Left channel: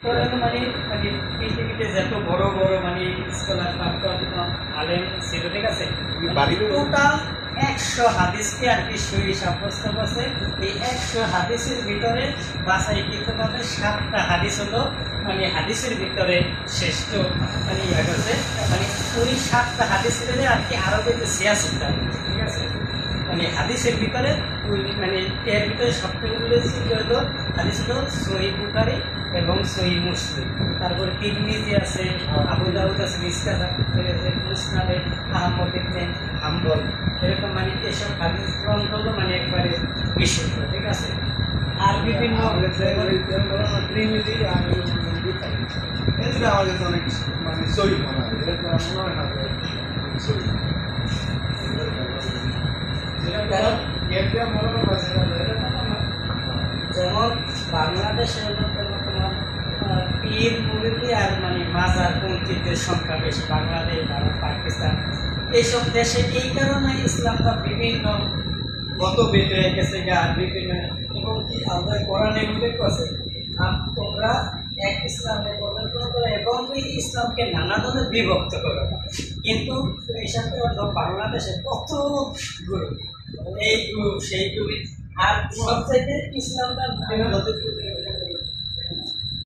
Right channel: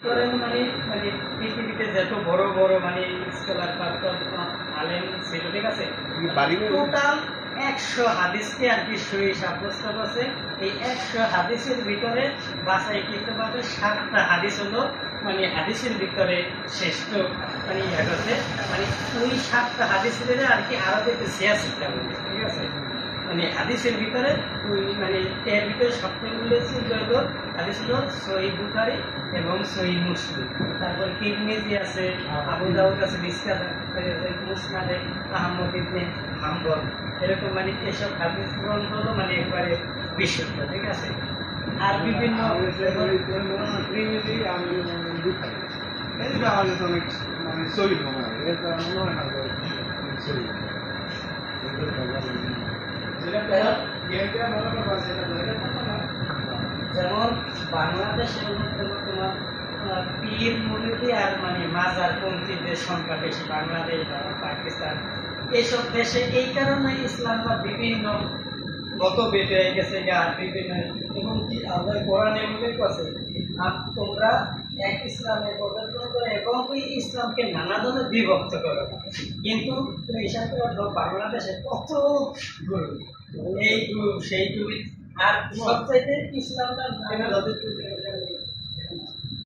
মানে মানে পৃথিবীতে যত বড় বড় মানে স্কলার আলেম ছিল, ঠিক আছে, টোটাল 100 হাদিসকে আর কি সহি সাব্যস্ত করছে। এই 100 হাদিসের ভিতরে বাছাইকৃতভাবে 7টা হাদিস হলো মানে হাদিসের ভিতরে শ্রেষ্ঠ মানে ইয়া করছে, মানে ওই 7টা হাদিসের ভিতরে আর কি আরবিতে 86টা, ঠিক আছে। মানে হাদিসের ভিতরে ওই মানে এর ভিতরে সবথেকে উল্লেখযোগ্য হাদিস হলো সহিহ বুখারী এবং সহিহ মুসলিম, তারপরে তিরমিজি আছে, আবু দাউদ আছে, মুসনাদে আহমদ ইবনে হাম্বল, এরকম মানে এসব হাদিস গ্রন্থ হলো মানে একবারে বিশুদ্ধ, ঠিক আছে। আর বিভিন্ন অনেক মানে সহি মনে হয়, মনে হয় না যেমন বাংলাদেশে তোমার পীর মুরিদি আর মানে মাজার পন্থীদের সংখ্যা বেশি, বাংলাদেশ, ভারত, পাকিস্তান এইসব দেশে। এই কারণে ইসলামটা বিভিন্ন মতভেদ হয়ে গেছে, বিভিন্ন এবং কি আল্লাহ কোরআনে উল্লেখ আছে তোমরা এক ইসলামে পরিবর্তন করো এবং ওই ইসলামকে নানা ধরনের বিভক্ত করো। কিন্তু হিসাবে বাংলাদেশে কত গ্রুপ, এই গ্রুপ সেই গ্রুপ, আর সবচাইতে ইসলামটা